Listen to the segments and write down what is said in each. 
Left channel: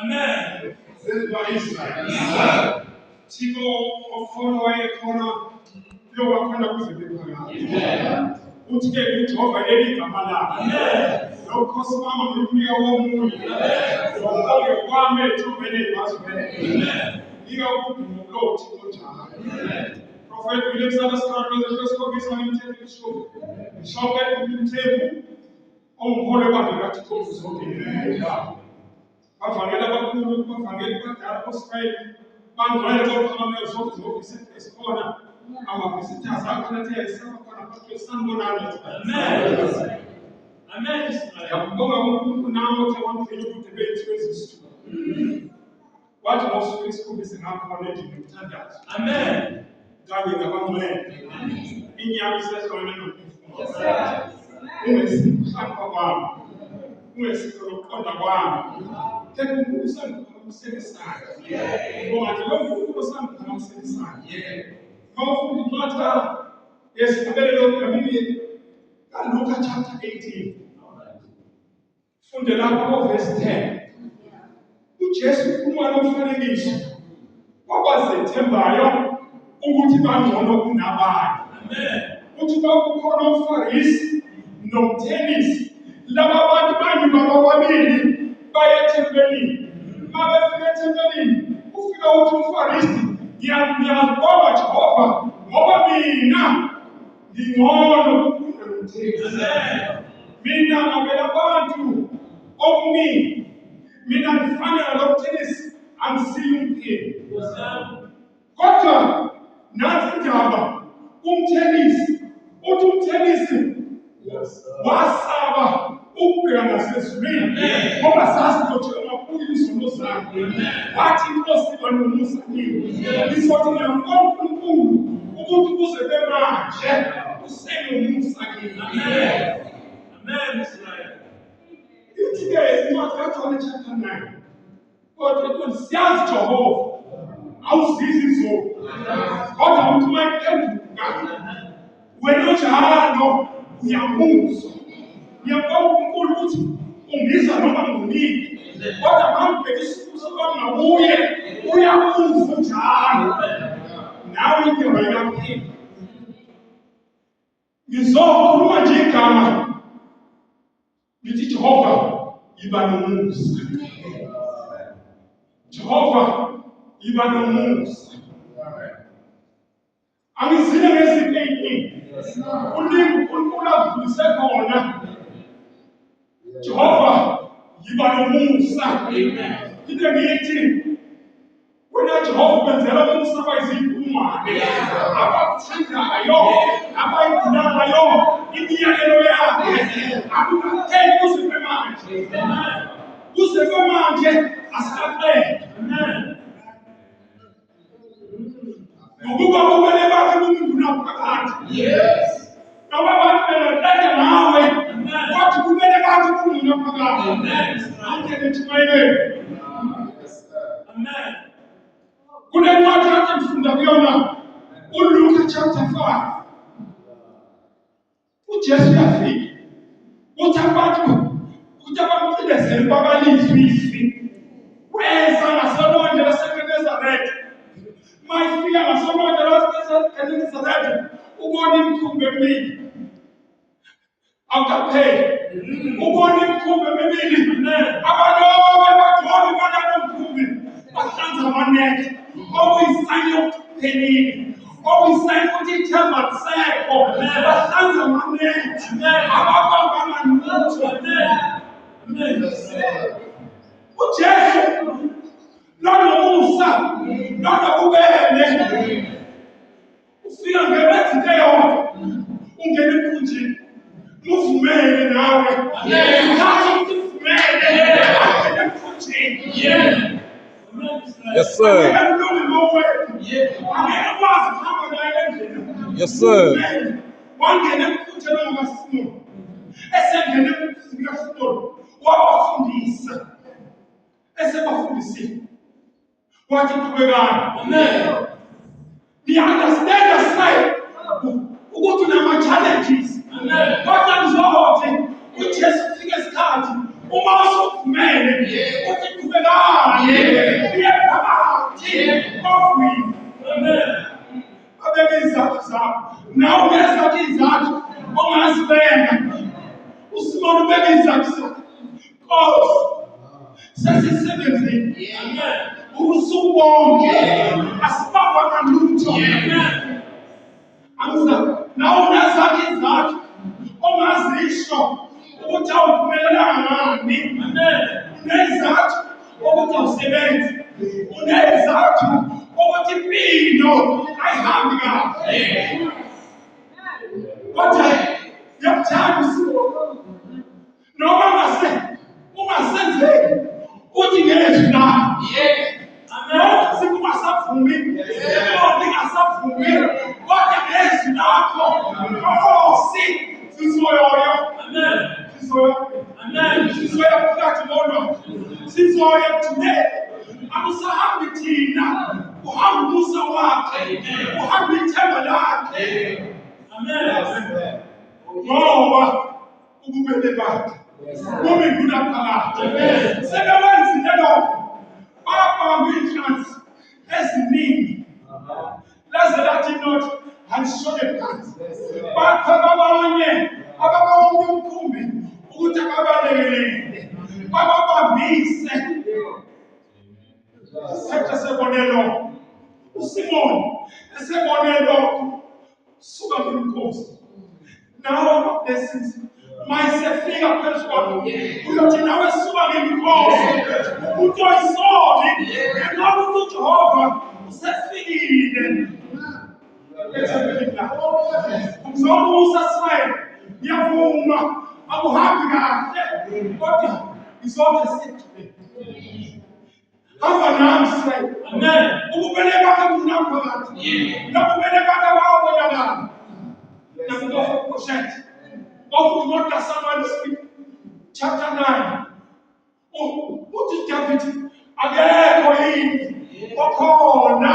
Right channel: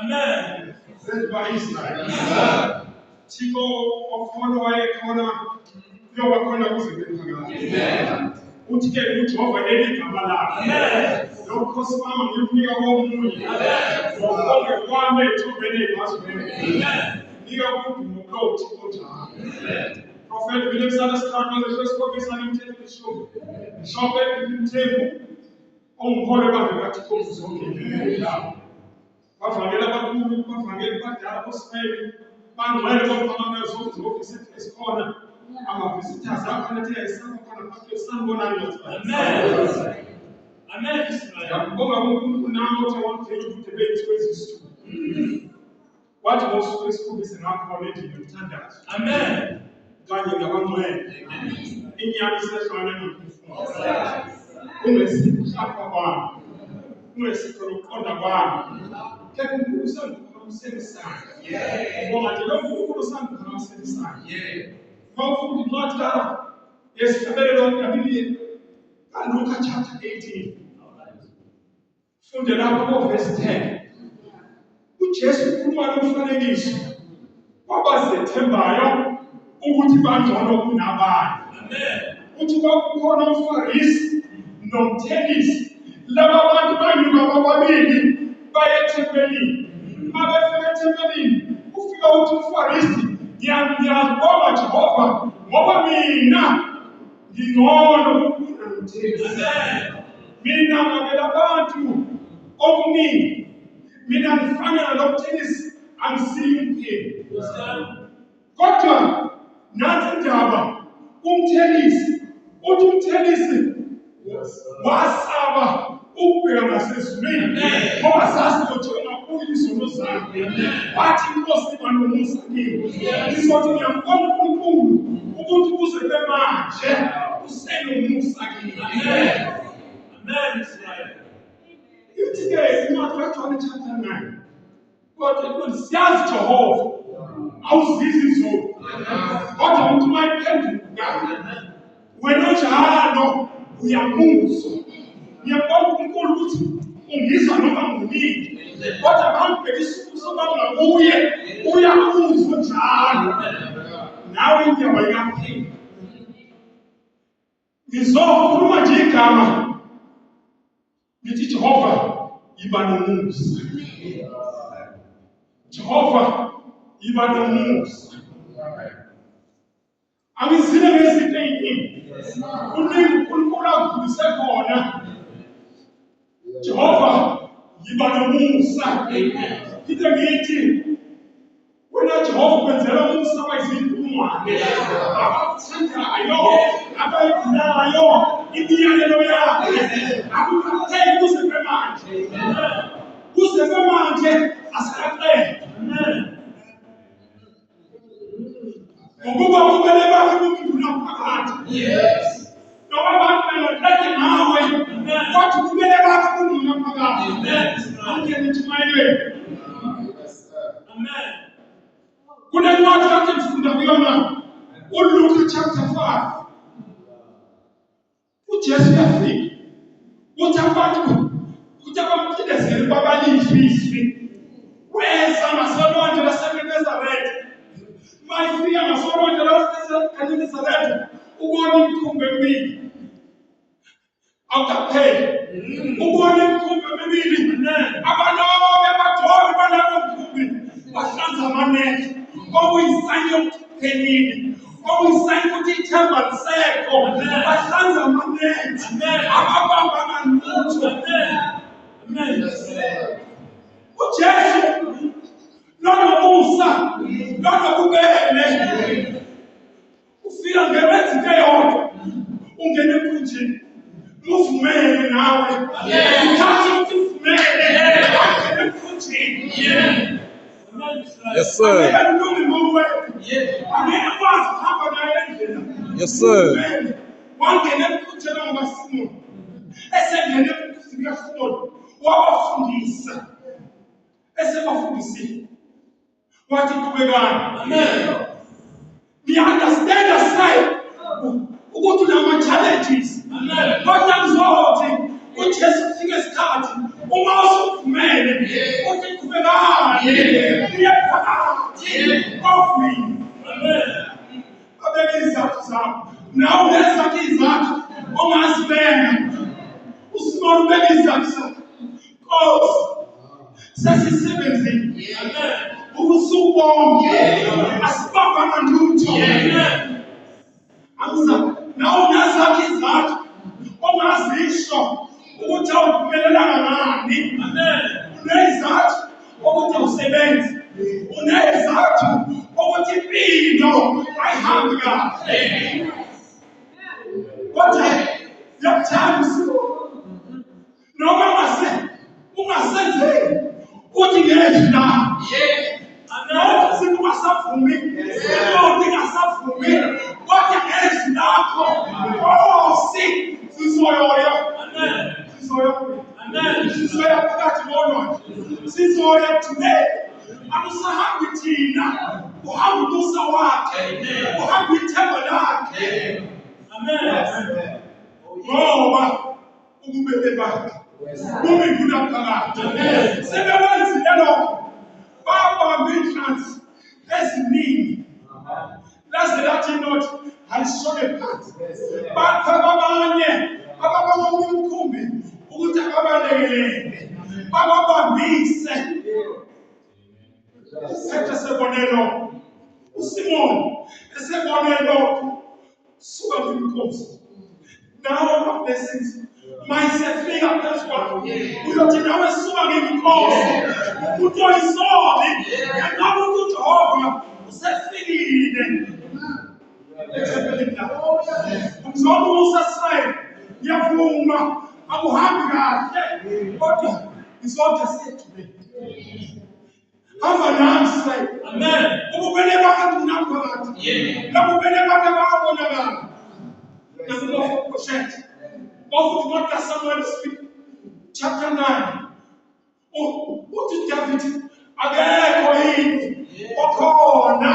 Amen. Thixo okhona wayekhona uyobakhona kuze bephakade. Uthi ke uJehova leli igama lakhe. Lokhosi mama ngikunika womunye. Lokho kwami ethubeni ezibazweni. Nika ukudumo lo Thixo njalo. Prophet William Sanders the first copy on him show. Shop at the table. Umholo bakhe kaThixo uzonke. Bavangela abakhulu, bavangela abadala bosifayeli. Bangcwele bodwa zonke esikhona ama-visitors akhona athe ayisakhona phakathi sanibonani Amen. ngiyakubonga uNkulunkulu nami othe wangivela ubude bethu ezisithupha wathi ngosuku lesikhombisa ngakhona endlini yomthandazo kanye nabangcwele inyama isehlwane nomphefumulo ungesikho kwami ungesikho nokuqonda kwami kepha uNkulunkulu usangiphakamiselisana ngoba nje lo Nkulunkulu usangiphakamiselisana Mawufunda incwadi yesifubelelo kaBibhili kaLuka chapter 18 funde lapha verse 10 uJesu ukhuluma nomfanekiso wabazethembayo ukuthi bangcono kunabanye uthi kwakukhona umFarisi nomthelisi laba bantu banyuka bobabili baye ethempelini mabefika ethempelini ufika uthi umFarisi ngiyabonga Jehova ngoba mina ngingcono ukufunda nomthelisi mina ngabela abantu okuningi mina ngifana nomthelisi angisiyi umpheki kodwa nansi indaba umthelisi uthi umthelisi wasaba ukubheka ngasezulwini ngoba sazi ukuthi ungabuyi izono zakhe wathi inkosi iba nomusa kimi izothi ngiyambonga uNkulunkulu ukuthi kuze bemanje usenomusa kimi amen Israel ithi-ke incwadi kaJohn chapter 9 kodwa siyazi Jehova awuzizi izolo kodwa uthi uma iphenduka wena njalo uyamuzwa ngiyabonga uNkulunkulu ukuthi ungizwa noma ngunini kodwa mawubheka isisuku sobangabuye uyamuzwa njalo nawe indaba ikaphela ngizokhuluma nje igama ngithi Jehova yiba nomusa Jehova yiba nomusa angizile ngezinto eziningi uningi uNkulunkulu akudlulise khona Jehova yiba nomusa into ngithi wena Jehova kwenzela umusa bayizindumane abakuthandayo abayidinayo imiyalelo yakhe akukatheni kuze kwemanje asikaqedi ngokuba kumele bakhe umuntu naphakathi noma abantu bengaqeda nawe wathi kumele bakhe umuntu naphakathi angene etshumayelweni kule ncwadi yakhe ngifunda kuyona uLuka chapter 5 uJesu uyafika uthi abamcindezeli babalizwi weza ngasolwandle laseGenesaretha mayifika ngasolwandle laseGenesaretha ubona imikhumbi emibili awukapheli ubona imikhumbi emibili abalobe bagcobe balabo mkhumbi bahlanza amanethe okuyisayini yokuphelile okuyisayini ukuthi ithemba lisekho bahlanza amanethe ababamba ngalutho uJesu nonomusa nonobubele ufika ngerenzi eyodwa ungena emkhunjini muvumele nawe uthathe ukuthi uvumele ungena emkhunjini Yes, sir. Yes, sir. Wangena emkhunjini ongasimoni esengene emkhunjini kaSimoni wabafundisa esebafundisile wathi qhubekani amen understand aside ukuthi unama-challenges kodwa kuzothi uJesu ufike isikhathi uma usuvumele uthi qhubekani uye phakathi kofini. Abeke izathu zakho nawe unezakho izathu ongazibeka. USimoni ubeke izathu zakho. Nkosi sesisebenzile ubusuku bonke asibambanga lutho. Nawe unezakho izathu ongazisho ukuthi awuphumelelanga ngani. Unezathu ukuthi awusebenzi. Unezathu ukuthi impilo ayihambi kahle. Kodwa yakuthanda uSimoni noma ungasenzeki uthi ngezwi na. Amen. Sikungasavumi ingasavumi kodwa ngezwi lakho Nkosi sizoyoya. Amen. Sizoya phakathi molwandle. Sizoya today. Akusahambi thina uhamba umusa wakhe uhamba ithemba lakhe. Amen. Ngoba ububele bakhe buminduna phakathi. Sebewenzile lokho babamba inhlanzi eziningi laze lathi not alishone phansi. Bakhona abanye ababonga umkhumbi ukuthi akabalekelele bababambise. Sethe sebonelo uSimoni esebone lokho suka kwinkosi. Nawe ama-blessings mayisefika phezu kwakho uyothi nawe suka ngenkosi umuntu oyisoli ngoba uJehova usefikile. Ngizokumusa Israyeli ngiyavuma akuhambi kahle kodwa ngizothe sithule. Hamba nami Israyeli. Amen. Ububele bakhe bunaphakathi. Nobubele bakhe bayabonakala. Nakuboshete. Of what does someone speak? Chapter 9. Uthi David akekho yini okhona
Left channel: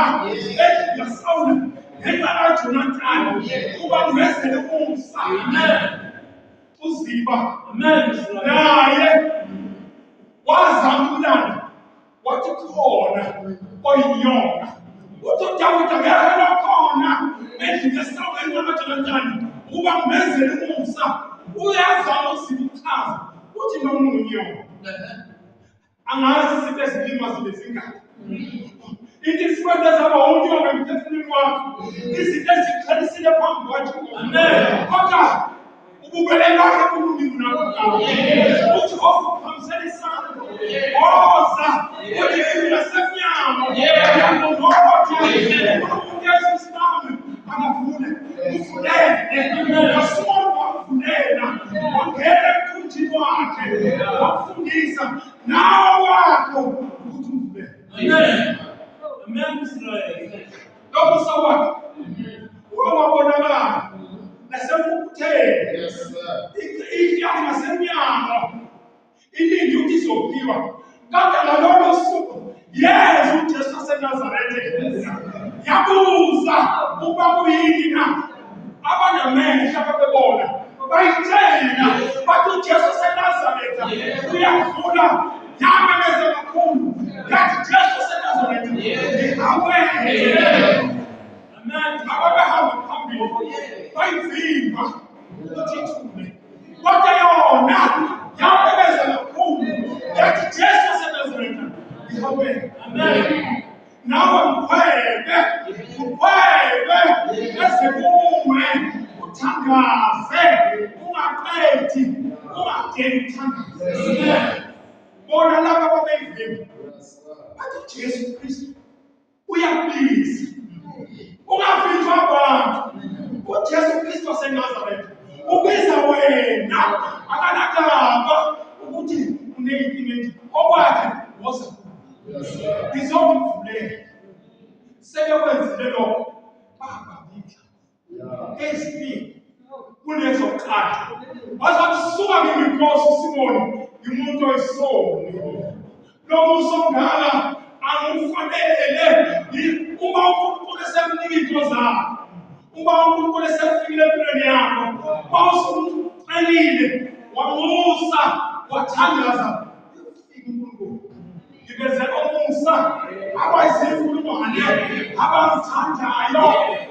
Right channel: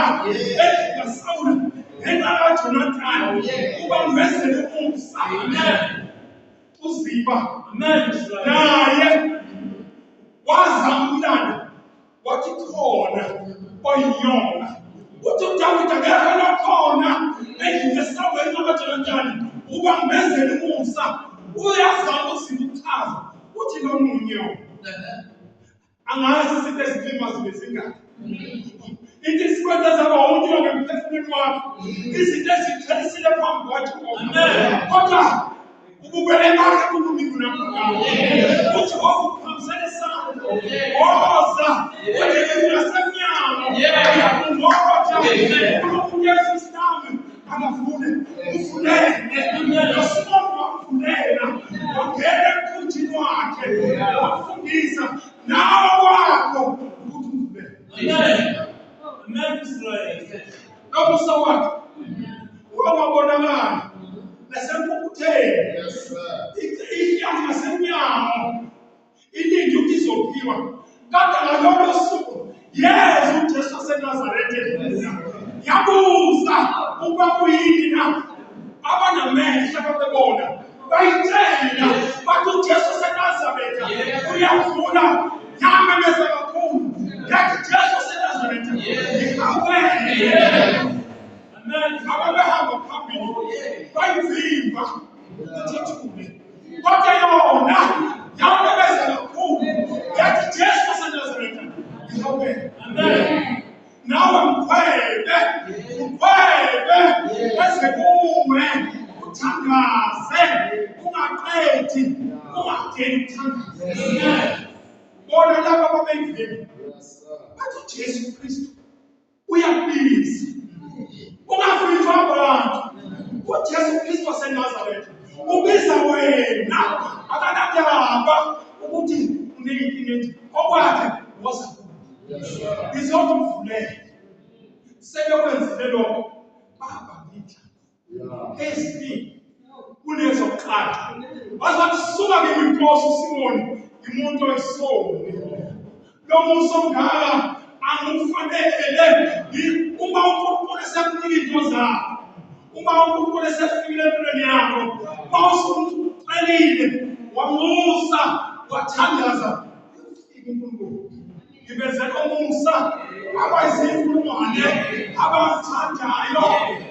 eSawule ngenxa kaJonathani kuba ngivezele umsa. Amen. Uziba. Amen. Naye wazama umlando wathi khona oyinyonga. Uthi uDavid akekho nokhona endlini yaSawule ngenxa kaJonathani kuba ngivezele umsa. Uyazama usibuchaza uthi nomunye angazi izinto ezilima zibe zingaki. Ithi isikwenza zaba unyonga emphefumulweni wakho izinto ezikhalisile phambi kwakho. Amen. Kodwa ububele bakhe buningi naphakathi. Uthi okuphambisene isandla oza uthi ngiyasemnyama ngiyakungotha uNkulunkulu Yesu nami angavule uvulele uSimoni wavulela wangena emkhunjini wakhe wafundisa nawe wakho ukuthi uvulele. Amen. Amen. Israel lokho sawakhe wabonakala nasempukutheni. Yes sir. Ihlala ngasemnyama ilindi ukuthi izophiwa kade ngalolo suku Yesu uJesu waseNazaretha yabuza ukuba kuyini na abanamehlo ababebona bayitshela bathi uJesu waseNazaretha uyavula yamemeza kakhulu yathi Jesu waseNazaretha ihawele. Amen. Ababehamba phambili bayivimba ukuthi ithule kodwa yona yamemeza kakhulu yathi Jesu waseNazaretha ihawele. Amen. Nawe mkhwebe bese kuwe uthandaze ungaqedi ungageni uthandaze. Bona laba babeyivimba bathi Jesu Kristu uyakubiza ungavinjwa abantu. uJesu Kristu waseNazaretha ubiza wena akanandaba ukuthi uneyinkinga enje okwakhe woza ngizothi mvulele sebekwenzile lokho baba ngitha eziningi kunezokuqala wazathi suka kimi Nkosi uSimoni umuntu oyisoni lo muso ngaka angifanele uma uNkulunkulu sekunika into zakho. Uma uNkulunkulu esefikile empilweni yakho, mawusumuntu uqhelile, wamusa, wathandaza, ufike uNkulunkulu. Ngibezela umusa, abayizimfulumane, abazithandayo,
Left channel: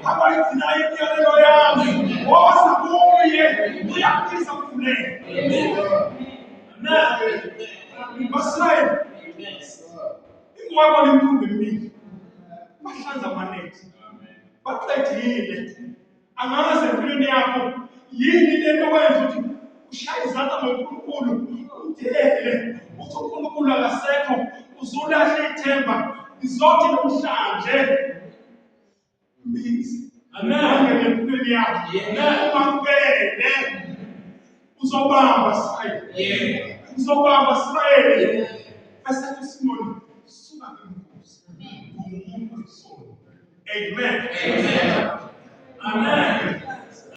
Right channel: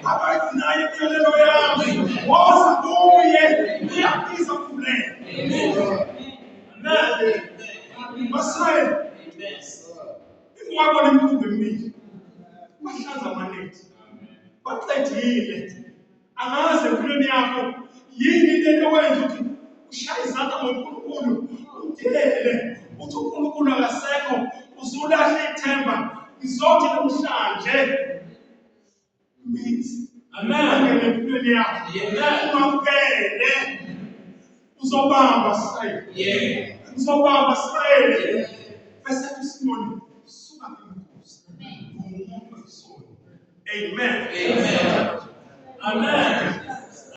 abayigcinayo imiyalelo yami, woza kuye, uyakubiza kufuneka. Amen. Basayeli, ingwabona imkhumbi emibili, bahlanza amanethi, baqedile. Angazi empilweni yakho yini lento wenza ukuthi ushaye izandla ngoNkulunkulu, umdelele, uthi uNkulunkulu akasekho, uzulahle ithemba. Ngizothi namhlanje mbizi. Amen. Empilweni yakho. Umamukele. Uzobamba Israyeli. Uzobamba Israyeli. Bese uSimoni suka ngembuzi. Ngumuntu oyisono. Amen. Amen.